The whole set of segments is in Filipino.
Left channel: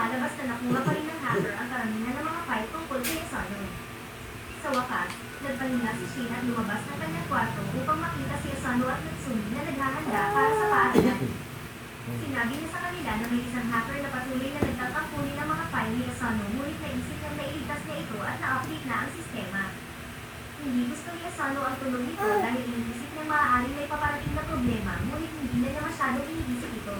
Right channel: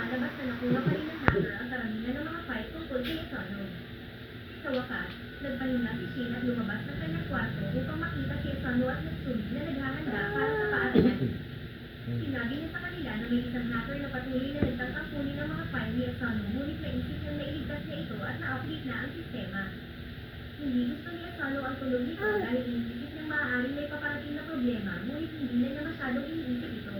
lumalabas na nakuha pa rin ng hacker ang karamihan ng mga file tungkol kay Asano. Sa wakas, nagpahinga si Shin at lumabas ng kanyang kwarto upang makita si Asano at Natsumi na naghahanda para sa paaralan. Sinabi niya sa kanila na may isang hacker na patuloy na nagtatangkunin ang mga file ni Asano, ngunit naisip niyang nailigtas niya ito at na-update na ang sistema. Hindi gusto ni Asano ang tunog nito dahil iniisip niyang maaaring may paparating na problema, ngunit hindi na niya masyadong iniisip ito.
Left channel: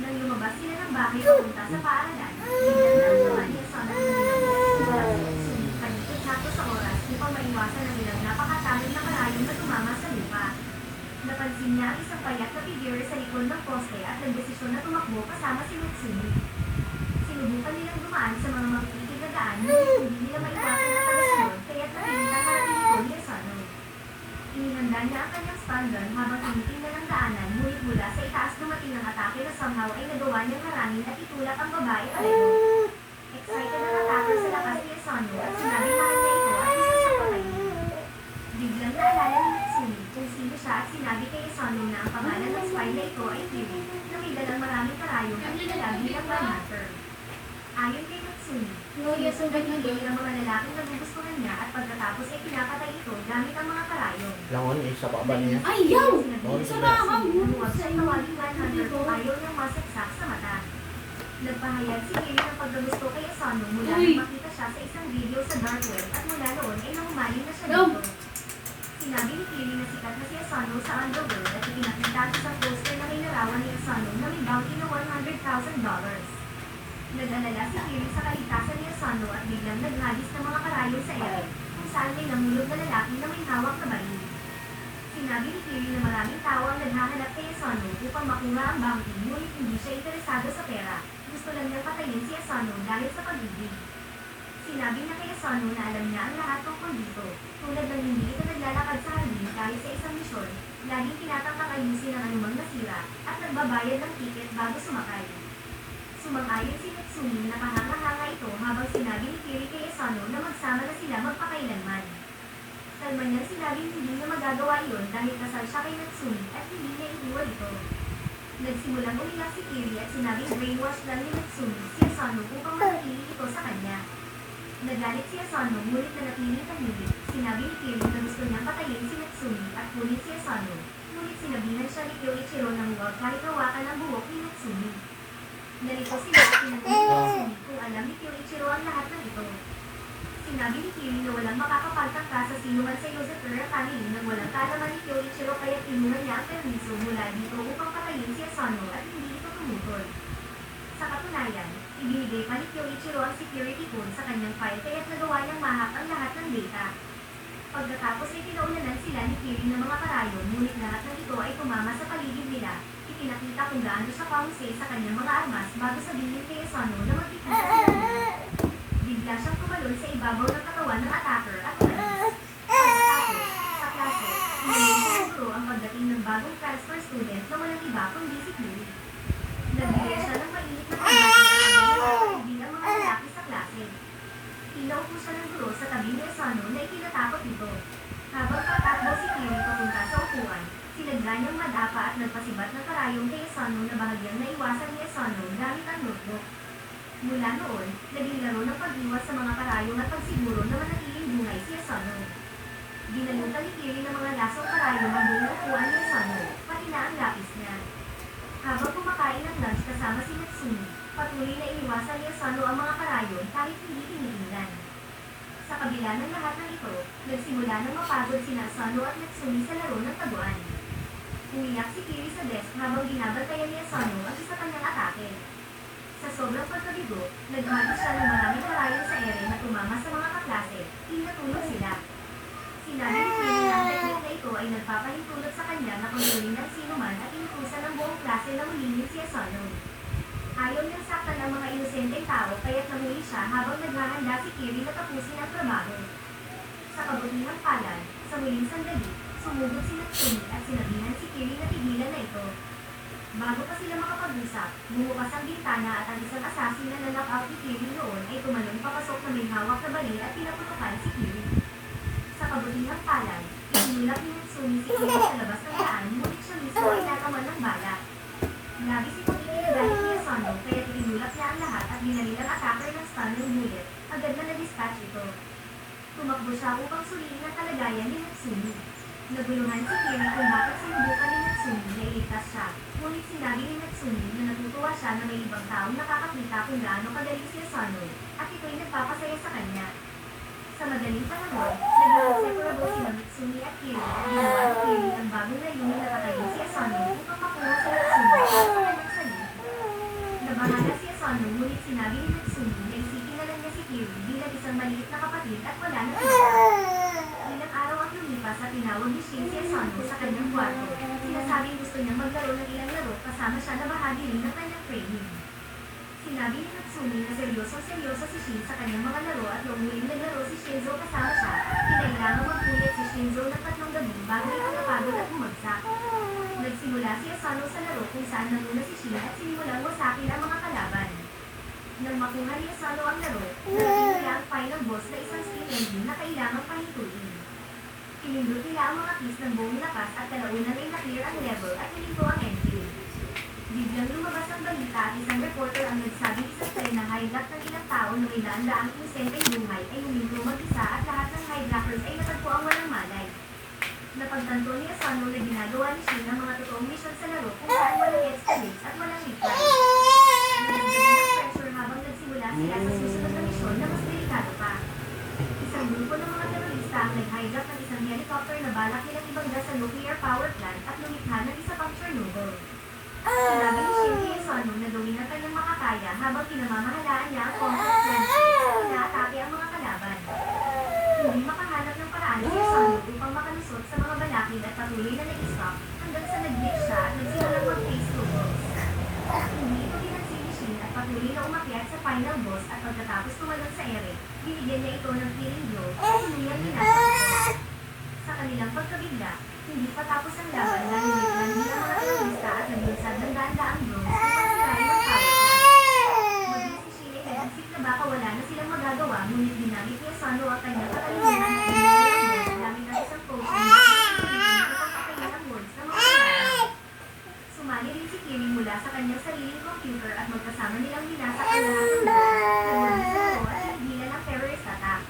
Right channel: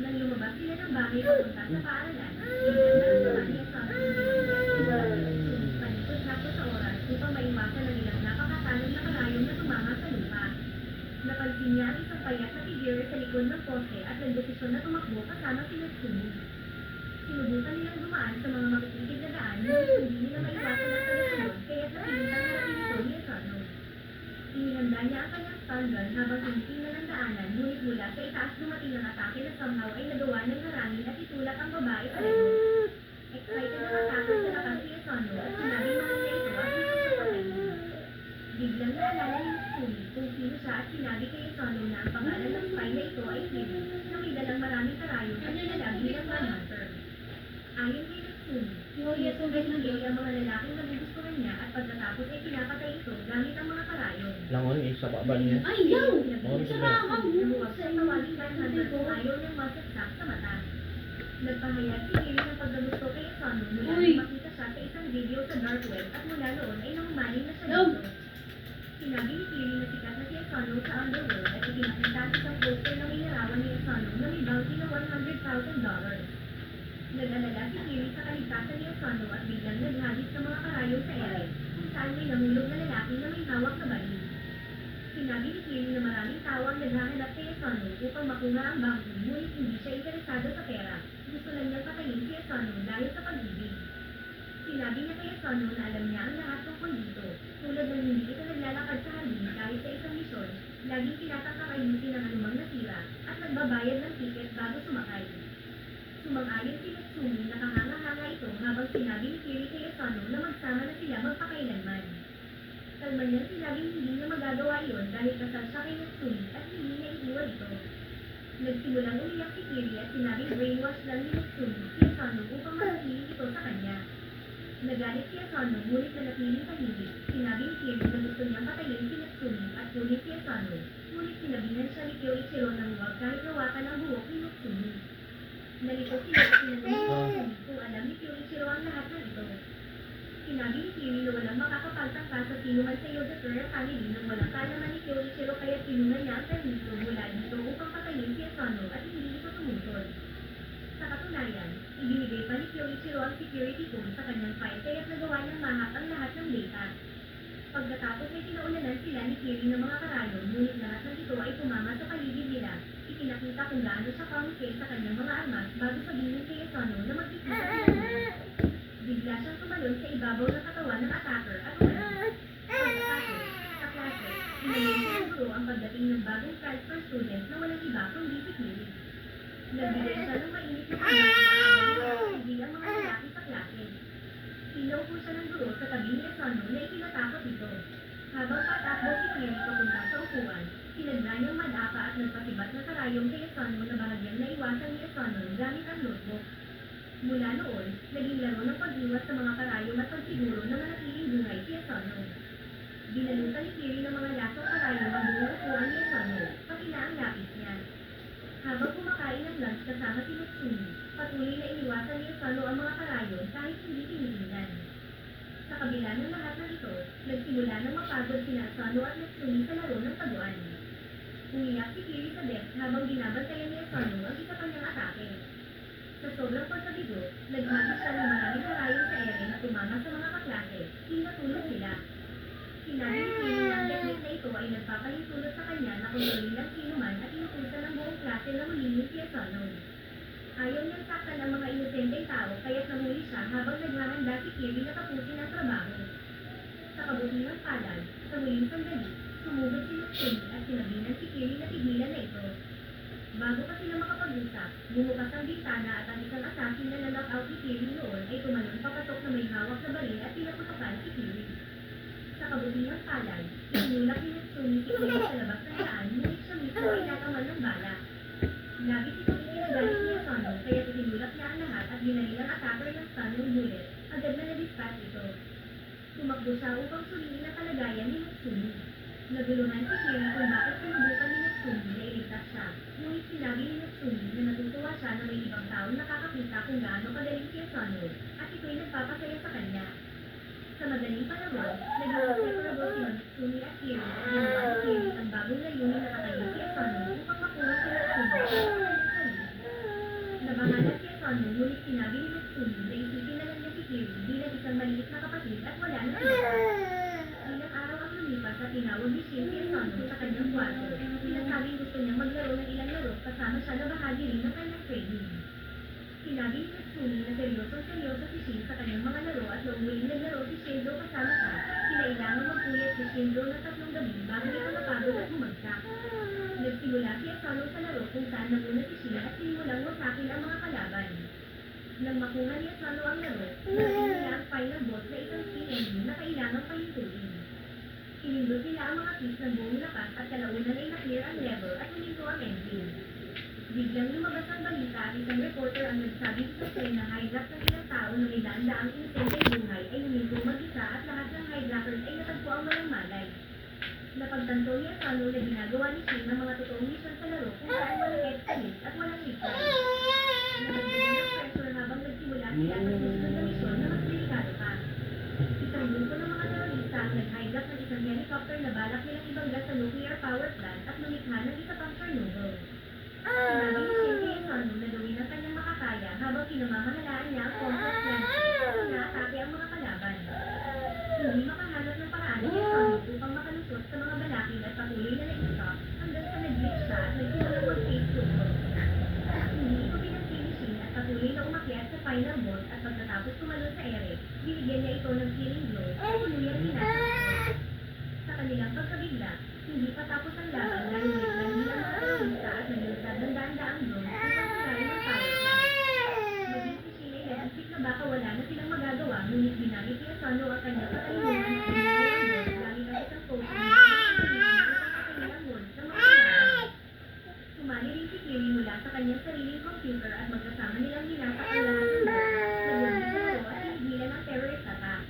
Nang lumabas sila ng bahay papunta sa paaralan, biglang naramdaman ni Asano ang panikot-sakto sa oras upang maiwasan ang ilang napakatalon na karayom na tumama sa lupa. Napansin niya ang isang payat na figure sa likod ng poste at nagdesisyon na tumakbo kasama si Natsumi. Sinubukan nilang dumaan sa mga makikitid na daan, ngunit hindi nila maiwasan ang tagasunod, kaya't napilitang harapin ito ni Asano. Inihanda niya ang kanyang stun gun habang tinitingnan ang daanan, ngunit mula sa itaas dumating ang atake na somehow ay nagawa niyang harangin at itulak ang babae pareho. Excited ang attacker sa lakas ni Asano at sinabi mahal niya ito at gusto siya patayin. Biglang naalala ni Natsumi kung sino siya at sinabi kay Asano na ang pangalan ng spy na ito ay Kiri, na may dalang maraming karayom at nilalag bilang manhunter. Ayon kay Natsumi, sinusundan ni Kiri ang mga lalaking nagugustuhan niya at pagkatapos ay pinapatay ito gamit ang mga karayom. Langon, sa baba niya. Ayaw! Sa namuwag siyang tawaging manhunter kung ayaw niyang masaksak sa mata. Nagpahayag si Kiri ng pagkagusto kay Asano mula nang makita siya sa isang video sa dark web at mula noon ay nangumaling na siya dito. Sinabi ni Kiri na sikat na si Asano sa underworld at ipinakita sa isang poster na may larawan ni Asano na may bounty na $100,000. Nag-alala si Kiri sa kaligtasan ni Asano at biglang naghagis ng mga karayom sa ere, kung saan may nahulog na lalaki na may hawak na baril. Sinabi ni Kiri na maraming tao ang naghahanap kay Asano upang makuha ang bounty, ngunit hindi siya interesado sa pera. Gusto lang niyang patayin si Asano dahil sa pag-ibig. Sinabi niya kay Asano na alam niya ang lahat tungkol dito, tulad ng hindi ito naglalakad sa halin kahit sa isang misyon, laging tinatangkang ayusin ang anumang nasira, at nagbabayad ng ticket bago sumakay. Sumang-ayon si Natsumi na kahanga-hanga ito habang sinabi ni Kiri kay Asano na magsama na sila magpakailanman. Kalman niyang sinabing hindi niya magagawa iyon dahil kasal siya kay Natsumi at hindi niya iiwan ito. Nagsimulang umiyak si Kiri at sinabing brainwash lang ni Natsumi si Asano upang manatili ito sa kanya. Nagalit si Asano ngunit nanatiling tahimik. Sinabi ni Kiri na gusto niyang patayin si Natsumi at kunin si Asano, ngunit sinabihan siya ni Kyoichiro na huwag kahit hawakan ang buhok ni Natsumi. Nalito sila at tinanong ni Natsumi kung alam ni Kyoichiro ang lahat ng ito. Sinabi ni Kiri na walang makakapagtangka sa sinuman sa Yosetera family nang walang kaalaman ni Kyoichiro kaya kinuha niya ang permiso mula dito upang patayin si Asano at hindi ito tumutol. Sa katunayan, ibinigay pa ni Kyoichiro ang security code sa kanyang file kaya't nagawa niyang mahak ang lahat ng data. Pagkatapos ay kinaunanan sila ni Kiri ng mga karayom, ngunit lahat ng ito ay tumama sa paligid nila. Ipinakita kung gaano siya kahusay sa kanyang mga armas bago sabihin kay Asano na magkikita sila. Bigla siyang tumalon sa ibabaw ng katawan ng attacker at umalis. Pagkatapos, sa klase, inayin sa guro ang pagdating ng bagong transfer student na walang iba kundi si Kiri. Nagbigay siya ng mainit na pagdating ang mga lalaki sa klase. Tinaupo siya ng guro sa tabi ni Asano na itinatakot ito. Habang patakbo si Kiri papunta sa upuan, sinagla niyang madapa at nagpasibat ng karayom kay Asano na bahagyang naiwasan ni Asano gamit ang notebook. Mula noon, naging laro ng pag-iwas sa mga karayom at pagsiguro na manatiling bungay si Asano. Dinalutan ni Kiri ng mga lasong karayom ang buong upuan ni Asano, pati na ang lapis niya. Habang kumakain ng lunch kasama si Natsumi, patuloy na iniwasan ni Asano ang mga karayom kahit hindi tinitingnan. Sa kabila ng lahat ng ito, nagsimula ng mapagod sina Asano at Natsumi sa laro ng taguan. Umiyak si Kiri sa desk habang binabantayan ni Asano ang isa pa niyang atake. Sa sobrang pagkabigo, naghagis siya ng maraming karayom sa ere na tumama sa mga kaklase, tinatulog sila. Sinabi ni Kiri na ang teknik na ito ay nagpapahintulot sa kanya na kontrolin ng sinuman at inutusan ng buong klase na hulingin si Asano. Ayaw niyang saktan ang mga inosenteng tao kaya't nahuli siya habang naghahanda si Kiri na tapusin ang trabaho. Sa kabutihang palad, sa huling sandali, sumugod si Natsumi at sinabihan si Kiri na tigilan na ito. Bago pa sila makapag-usap, bumukas ang bintana at ang isang assassin na na-knock-out ni Kiri noon ay tumalon papasok na may hawak na baril at pinaputukan si Kiri. Sa kabutihang palad, itinulak ni Natsumi si Kiri sa labas ng daan ngunit siya mismo ay nataman ng bala. Labis itong ikinagalit ni Asano kaya itinulak niya ang lahat at binaril ang attacker ng stunning bullet, agad na na-dispatch ito. Tumakbo siya upang suriin ang kalagayan ni Natsumi. Naguluhan si Kiri kung bakit sinubukan ni Natsumi na iligtas siya, ngunit sinabi ni Natsumi na natutuwa siya na may ibang taong nakakakita kung gaano kagaling si Asano, at ito'y nagpapasaya sa kanya. Sa madaling panahon, naging inseparable sina Natsumi at Kiri at ginawa ni Kiri ang bagong layunin na kakayin si Asano upang makuha si Natsumi sa kanyang salib. Nabahala si Asano ngunit sinabi ni Natsumi na isipin na lang niya si Kiri bilang isang maliit na kapatid at wala na iba. Ilang araw ang lumipas at tinawag ni Shin si Asano sa kanyang kwarto. Sinasabing gusto niyang maglaro ng ilang laro kasama siya na bahagi rin ng kanyang training. Sinabi ni Natsumi na seryosong-seryoso si Shin sa kanyang mga laro at noong muling naglaro si Shinzo kasama siya, kinailangan magpuyat si Shinzo ng 3 gabi bago ito napagod at bumagsak. Nagsimula si Asano sa laro kung saan nanguna si Shin at sinimulang wasakin ang mga kalaban. Nang makuha ni Asano ang laro, narating nila ang final boss na isang steam engine na kailangang pahintuin. Pinindot nila ang mga keys ng buong lakas at kalaunan ay na-clear ang level at hininto ang engine. Biglang lumabas ang balita at isang reporter ang nagsabing isang train na hijack ng ilang tao na may daan-daang inosenteng buhay ay huminto mag-isa at lahat ng hijackers ay natagpo ang walang malay. Napagtanto ni Asano na ginagawa ni Shin ang mga totoong misyon sa laro kung saan walang escalates at walang retry. Nalagdagan ng pressure habang nagsimula sila sa susunod na misyon na mas delikado pa. Isang grupo ng mga terorista ang nag-hijack ng isang helicopter na balak nilang ibangga sa nuclear power plant at lumikha ng isa pang Chernobyl. Sinabi ni Shin kay Asano na gawin ang kanyang makakaya habang pinamamahalaan niya ang combat plant at inaatake ang mga kalaban. Hindi makahanap ng paraan si Asano upang makalusot sa mga balakid at patuloy na nag-stop hanggang sa nag-glitch siya at nagsimulang mag-face troubles. Hindi ito pinansin ni Shin at patuloy na umakyat sa final boss at pagkatapos tumalon sa ere, binigyan niya ito ng killing blow at tuluyang binasag ito. Sa kanilang pagkabigla, hindi pa tapos ang laban na nilitlan nila mga terorista at naglunsad ng daan-daang drones upang sirain ang power plant. Maging si Shin ay nag-isip na baka wala na silang magagawa ngunit ginamit ni Asano ang kanyang katalinuhan at pinili ang boss gamit ang isang potion na upang patayin ang words ng mga kalaban. Sumali rin si Kiri mula sa kanyang sariling computer at magkasama nilang minasak ang lahat ng boss, nagmuli sa laro at hinigilan ang terrorist attack.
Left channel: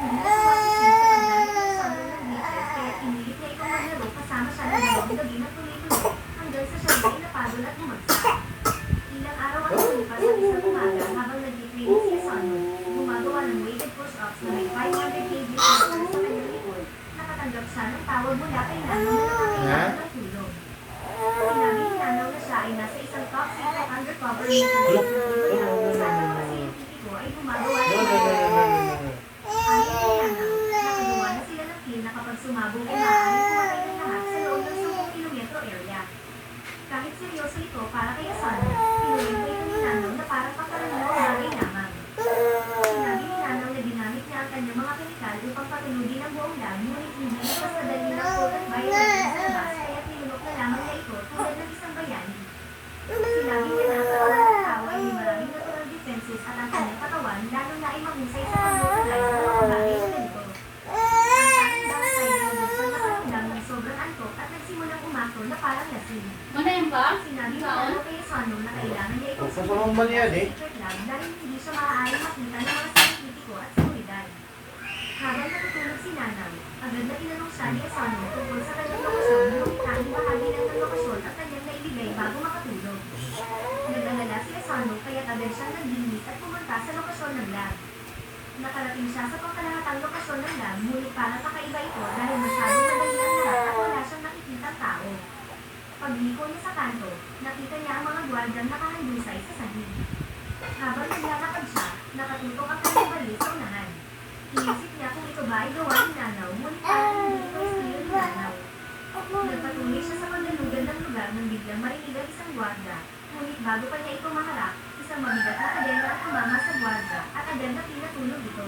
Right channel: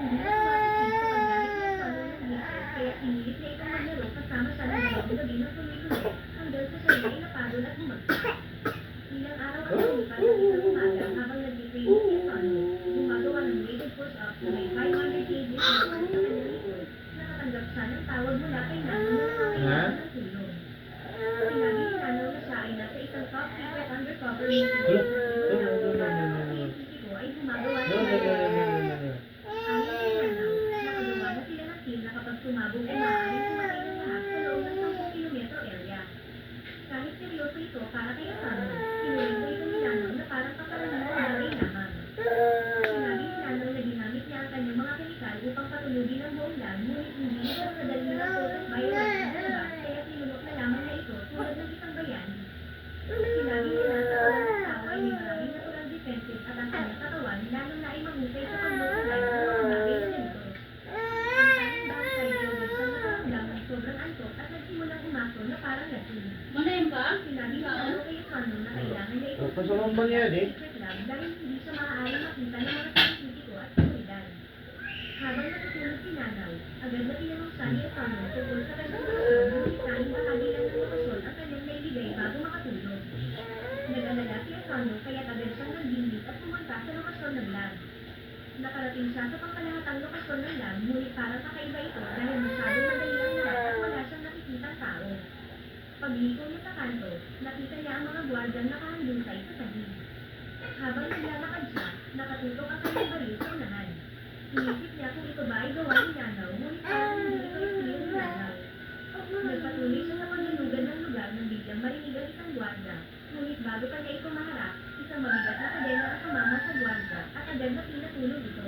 Hindi natuwa si Shin sa paggamit ni Asano ng glitches kaya pinilit niya itong maglaro kasama siya ng dalawang gabi na tuloy-tuloy hanggang sa siya ay napagod at bumagsak. Ilang araw ang lumipas at isang umaga habang nag-training si Asano, gumagawa ng weighted push-ups na may 500 kg pressure sa kanyang likod, nakatanggap siya ng tawag mula kay Nanaw na nakakailangan ng tulong. Sinabi ni Nanaw na siya ay nasa isang top secret undercover mission kung saan ang mga scientifico ay gumagawa ng ayon kay Nanaw, nakagawa na sila ng team na kapag sumabog ay maaaring pumatay ng lahat sa loob ng 10 kilometro area. Kahit seryoso ito para kay Asano, pinuwento ito ni Nanaw na parang pangkaraniwang bagay lamang. Sinabi ni Nanaw na ginamit niya ang kanyang mga kemikal upang patulugin ang buong land ngunit hindi ito sa dali ng potent bioweapons sa labas kaya tinulok na lamang niya ito tulad ng isang bayani. Sinabi niya na sa katawan ng tao ay may maraming natural defenses at ang kanyang katawan lalo na ay mahusay sa pag-neutralize ng mga bagay na ganito. Ang tanging downside ay nabuksan nakaramdam ng sobrang antok at nagsimulang umakto na parang lasing. Sinabi ni Nanaw kay Asano na kailangan niya itong Kasalong ba niya, di? secret lab dahil hindi siya maaaring makita ng mga scientifico at seguridad. Habang natutulog si Nanaw, agad na tinanong siya ni Asano tungkol sa kanyang lokasyon ngunit tanging bahagi lang ng lokasyon ang kanyang naibigay bago makatulog. Nag-alala si Asano kaya't agad siyang naglinis at pumunta sa lokasyon ng lab. Nakarating siya sa pangkalahatang lokasyon ng lab ngunit parang kakaiba ito dahil masyadong madali ang lahat at wala siyang nakikitang tao. Pagliko niya sa kanto, nakita niya ang mga gwardyang nakahandusay sa sahig. Habang naglalakad siya, nakatutok ang kanyang baril sa unahan. Inisip niya kung ito ba ay gawa ni Nanaw, ngunit parang hindi ito estilo ni Nanaw. Nagpatuloy siya sa pagdalugan ng lugar nang biglang marinig ang isang gwardya, ngunit bago pa niya ito maharap, isang mabigat na kadena ang tumama sa gwardya at agad na pinatulog ito.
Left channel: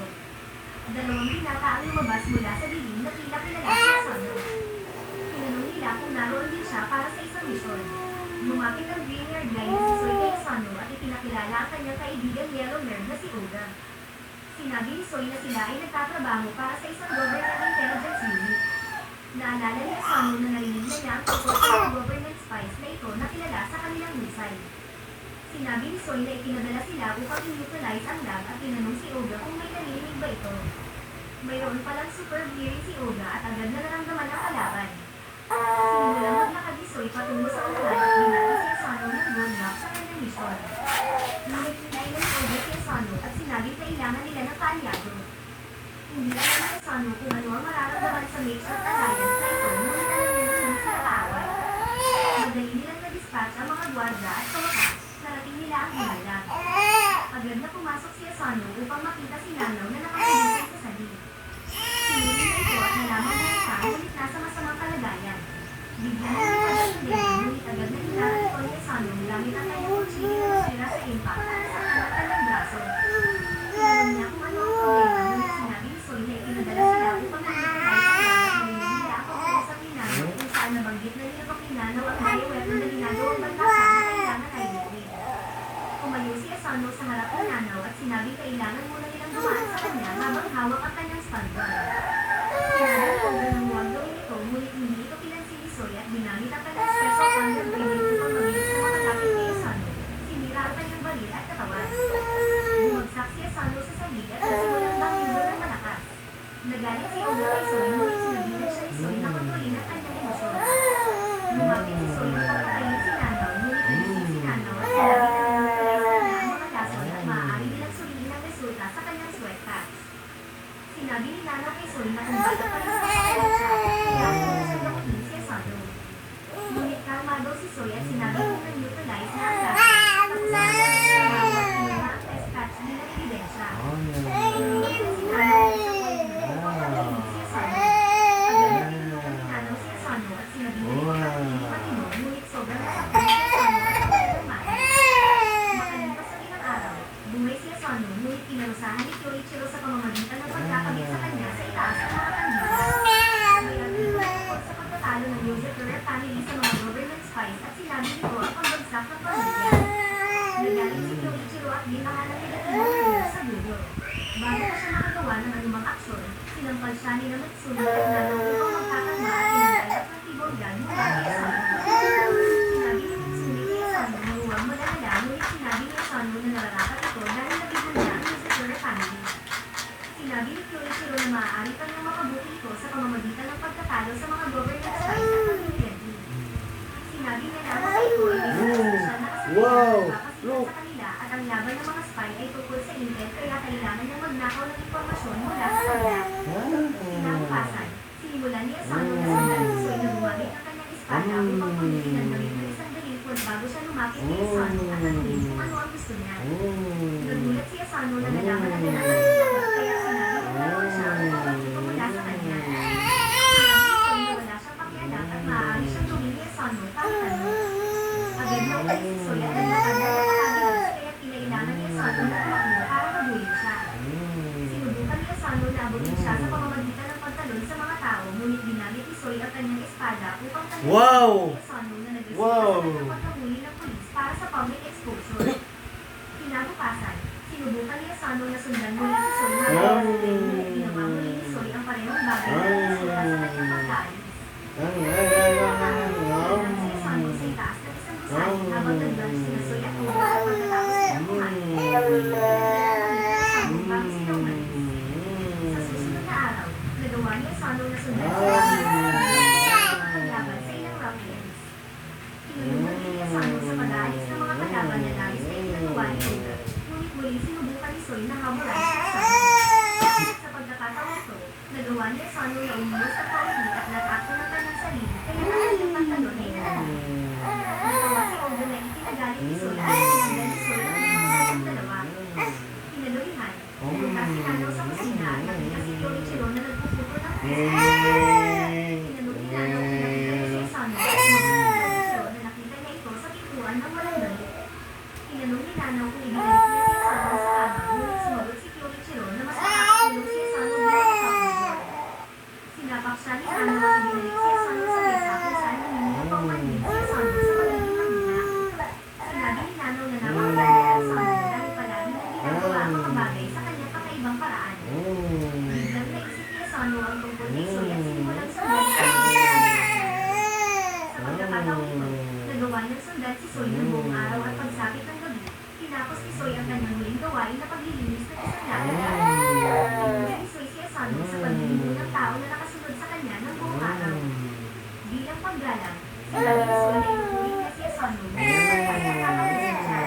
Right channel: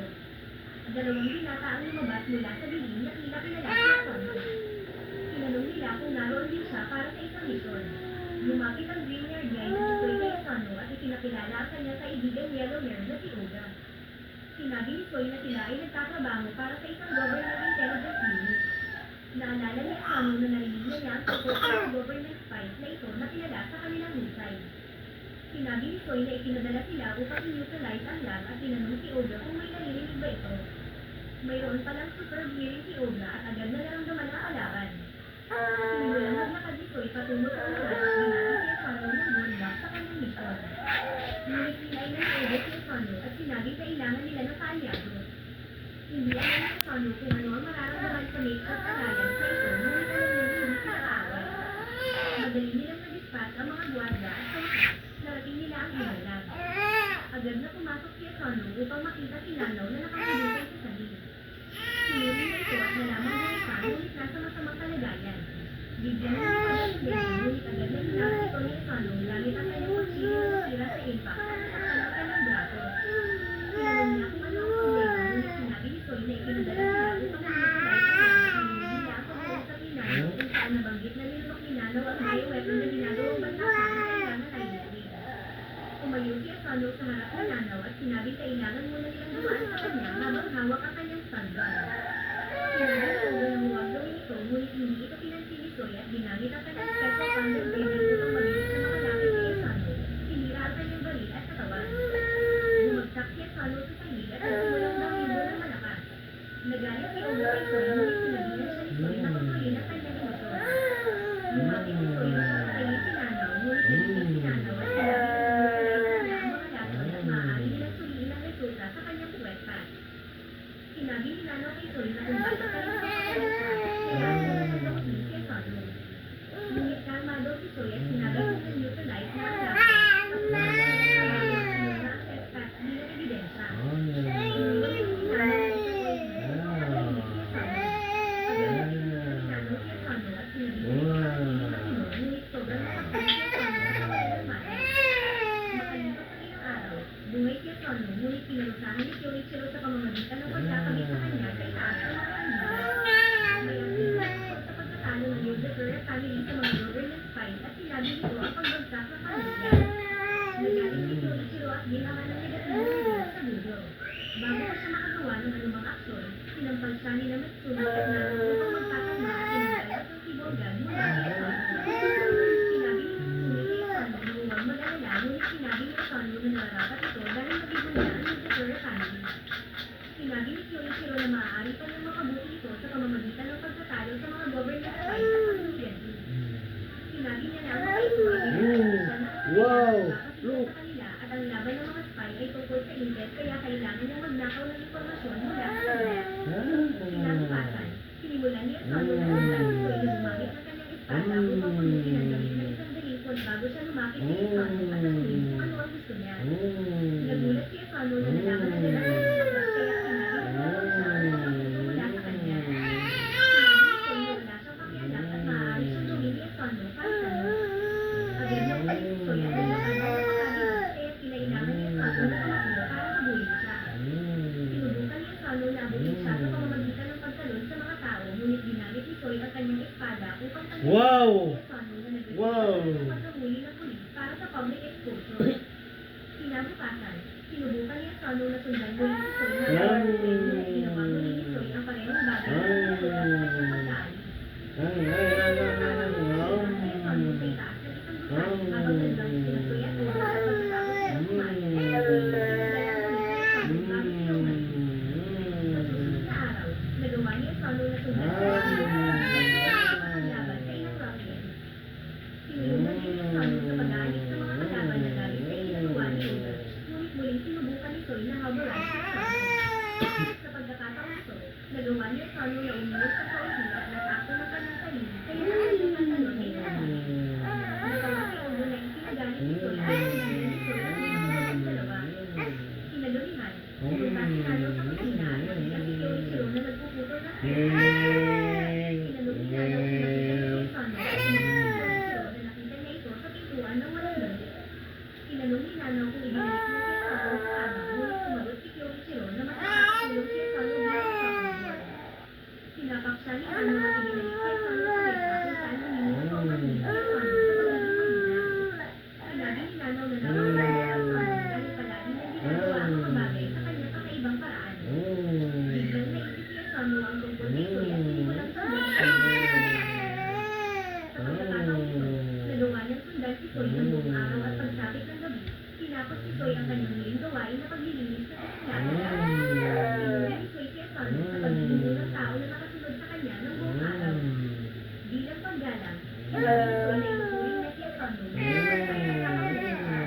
Dalawang binata ang lumabas mula sa dilim na tila kilala si Asano. Tinanong nila kung naroon din siya para sa isang misyon. Lumapit ang green-haired guy na si Soy kay Asano at ipinakilala ang kanyang kaibigang yellow nerd na si Oda. Sinabi ni Soy na sila ay nagtatrabaho para sa isang government intelligence unit. Naalala ni Asano na narinig na niya ang tungkol sa mga government spies na ito na kilala sa kanilang husay. Sinabi ni Soy na ipinadala sila upang i-neutralize ang lab at tinanong si Olga kung may narinig ba ito. Mayroon palang superb hearing si Olga at agad na naramdaman ang kalaban. Sinimulang maglakad ni Soy patungo sa unahan at binati si Asano ng roadblock sa kanyang misyon. Ngunit pinailan ni Olga si Asano at sinabing kailangan nila ng kaalyado. Hindi alam ni Asano kung ano ang mararamdaman sa makeshift alliance na ito ngunit alam niya na hindi sila kaaway. Madali nilang na-dispatch ang mga gwarda at sa wakas, narating nila ang hinalag. Agad na pumasok si Asano upang makita si Nanaw na nakahintay sa salig. Sinuri niya ito at nalaman na siya ngunit nasa masamang kalagayan. Bigyan na nilipad ang sundin ngunit agad na nilakan ito ni Asano gamit ang kanyang kutsilyo na nasira sa impact at nasaktan ang kanyang braso. Tinanong niya kung ano ang problema ngunit sinabi ni Soy na ipinadala sila upang mag-neutralize ang laban ng nila ang pag-uusap ni Nanaw kung saan nabanggit na nilunok ni Nanaw ang bioweapon na ginagawang bantasan na kailangan ay nilid. Tumayo si Asano sa harap ng Nanaw at sinabing kailangan muna nilang dumaan sa kanya habang hawak ang kanyang stun gun. Sinabi ni Olga ng huwag gawin ito ngunit hindi ito pinansin ni Soy at ginamit ang kanyang special thunder grenade upang mabilis na makalapit kay Asano. Sinira ang kanyang baril at katawan. Bumagsak si Asano sa salig at nagsimulang bangin ng malakas. Nagalit si Olga kay Soy ngunit sinabihan siya ni Soy na kontrolin ang kanyang emosyon. Lumapit si Soy upang patayin si Nanaw ngunit nagising si Nanaw at sinabi na maaari nilang suriin ang resulta sa kanyang sweat packs. Sinabi ni Nanaw kay Soy na kung bakit pa rin sa kapalit siya, kailangan niya siya dakutin si Asano. Ngunit kalmado si Soy at sinabi kung na-neutralize na ang laban, tapos sinabi niya sa trabaho at kinuha ang test patch bilang ebidensya. Ngunit si Nanaw ay sa point na upang patayin si Asano. Agad na tinutukan ni Nanaw si Asano at sinabi niya ito na hindi matino ngunit sobrang nasaktan si Asano at nawalan ng mali. Makalipas sa ilang araw, bumay si Asano ngunit pinarusahan ni Kyoichiro sa pamamagitan ng pagkakabit sa kanya sa itaas ng mga kandila. May artikulo tungkol sa pagkatalo ng Yozakura family sa mga government spies at sinabi nito ang pagbagsak ng pamilya. Nagaling si Kyoichiro at ginahan ng negatibong review sa Google. Bago pa siya makagawa ng anumang aksyon, sinampal siya ni Matsuno at Nanaw upang magkakalma at tinanggal ang tibogan mula kay Asano. Sinabi ni Matsuno kay Asano na huwag mag-alala ngunit sinabi ni Asano na nararapat ito dahil nabigyan niya ang Yozakura family. Sinabi ni Kyoichiro na maaari pa niyang makabuti ito sa pamamagitan ng pagkatalo sa mga government spies at pag-identity. Sinabi niya na ang ito ay isa siya na kasi sa kanila at ang laban ng mga spy ay tungkol sa intel kaya kailangan niyang magnakaw ng impormasyon mula sa kanila. Kinabukasan, sinimulan ni Asano na sundan si Soy na gumamit ng kanyang espada upang pagbutin ang damit ng isang delinquent bago siya lumapit kay Asano at tanungin kung ano ang gusto niya. Nagulat si Asano na nalaman na ganahan ng lahat kaya sinabi na lamang siya upang magpunta mula sa kanya. Sinabi ni Soy na wala siyang pakialam at maaari siyang gawin ni Asano kahit ano. Agad na umalis si Soy at naglakad na napakabilis kaya kinailangan ni Asano na tumakbo para habulin siya. Sinubukan ni Asano na abutin siya sa pamamagitan ng pagtalon sa mga tao ngunit ginamit ni Soy ang kanyang espada upang tanungin ni Asano na nagresulta sa kanyang pagkahuli ng pulis para sa public exposure. Kinabukasan, sinubukan ni Asano na sundan muli si Soy na ngunit ginawa muli ni Soy ang parehong bagay na nagresulta sa kanyang pagkaalis. Nagpunta si Asano sa itaas ng isang gusali habang nag-lunch sina Soy at Olga at pagkatapos nila kumain. Asano bago sila umalis. Sa susunod na araw, nagawa ni Asano na sundan si laban sa ilang ruffians. Tinulungan din ni Asano sa pag-aalis ng mga kalaban na labis na itinagawa ni Olga. Ngunit muling sinubukan ni Soy na habulan si Asano. Sa pagkakataon ito, nagawa ni Asano na umilos sa kaunti at natakto ng kanyang sarili kaya ang kanyang pantalon ay nalala. Nagawa si Olga na itinagalit ni Soy at sinundan ni Soy ang pinundan ng dalawa. Kinaluhihan, pumunta si Nanaw sa kusina at nakita si Kyoichiro na nagpuputol ng pesta. Tinanong ni Nanaw kung nakita niya si Asano at sumagot si Kyoichiro na nakita niya ito sa pintuan ng walang damit. Tinanong ni Nanaw kung ibinalik niya si Asano sa kama ngunit sumagot si Kyoichiro na mas makakatulog si Asano bilang kapatid. Sinapak siya ni Nanaw at ibinalik si Asano sa mesa kung saan naninong paumanhin si Asano sa pagiging mahina. Sinabi ni Nanaw na napakaganda ni Asano dahil palagi niyang ginagawa ang mga bagay sa kanyang kakaibang paraan. Biglang naisip ni Asano ang tungkol kay Soy at sinimulang sundan si Soy. Sa pagkakataon ito, nagawa niyang sundan si Soy ng buong araw at pagsapit ng gabi, gawain na paglilinis ng isang laptop. Pinuri ni Soy si Asano sa pagliligo ng tao na nakasunod sa kanya ng buong araw. Bilang paggalang, sinabi ni Soy na inuturing niya si Asano na nakakatakutin siya.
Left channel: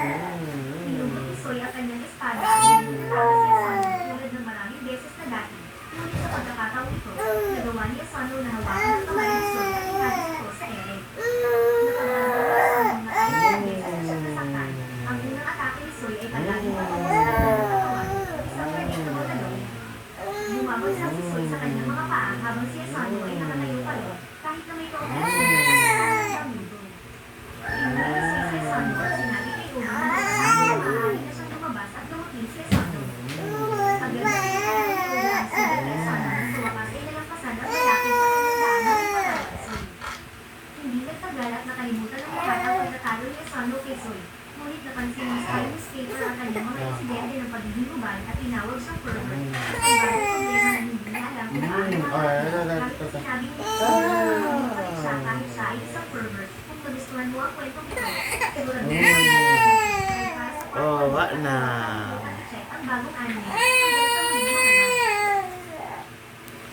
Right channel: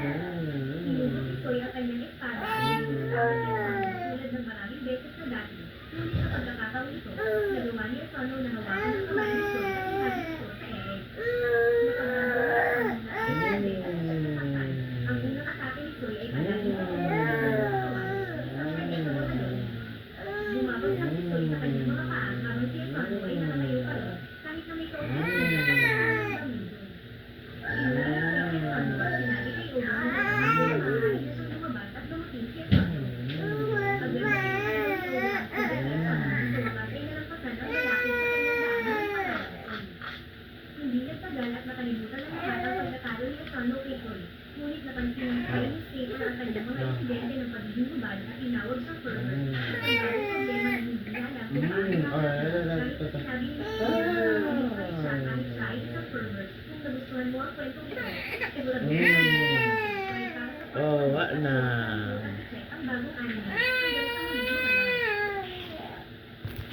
Hinugot ni Soy ang kanyang espada at pinagtatawa si Asano tulad ng maraming beses na dati. Ngunit sa pagkakataong ito, nagawa ni Asano na hawakan ng kamay ni Soy at inalis ito sa ere. Nakapagagawa sa mga ilang beses na siyang nasaktan. Ang unang atake ni Soy ay palaging patungo sa kanyang katawan, isang predictable na yun. Bumabagsak si Soy sa kanyang mga paa habang si Asano ay nakatayo pa rin, kahit na may kaunting ang mundo. Pinuri ni Soy si Asano at sinabi kay Uma na maaari na siyang lumabas at lumaking si Asano. Pagdating ni Uma at sinabi kay Asano na sa wakas ay nalampasan ang lalaki sa kanyang daan na may pangalan Soy. Hindi nagtagal at nakalimutan ng lahat ang pagkatalo ni Asano kay Soy. Ngunit napansin ng Sky Newspaper ang kanyang mga insidente ng pagiging uban at tinawag siyang pervert. Ang bagong problema na hindi niya alam kung paano kahit na sinabi ni Soy na hindi pa rin siya kahit siya ay isang pervert. Kung nagustuhan mo ang kwentong ito, sigurado na para sa Oh, wala na. check ang bagong anime. Hanggang sa muli.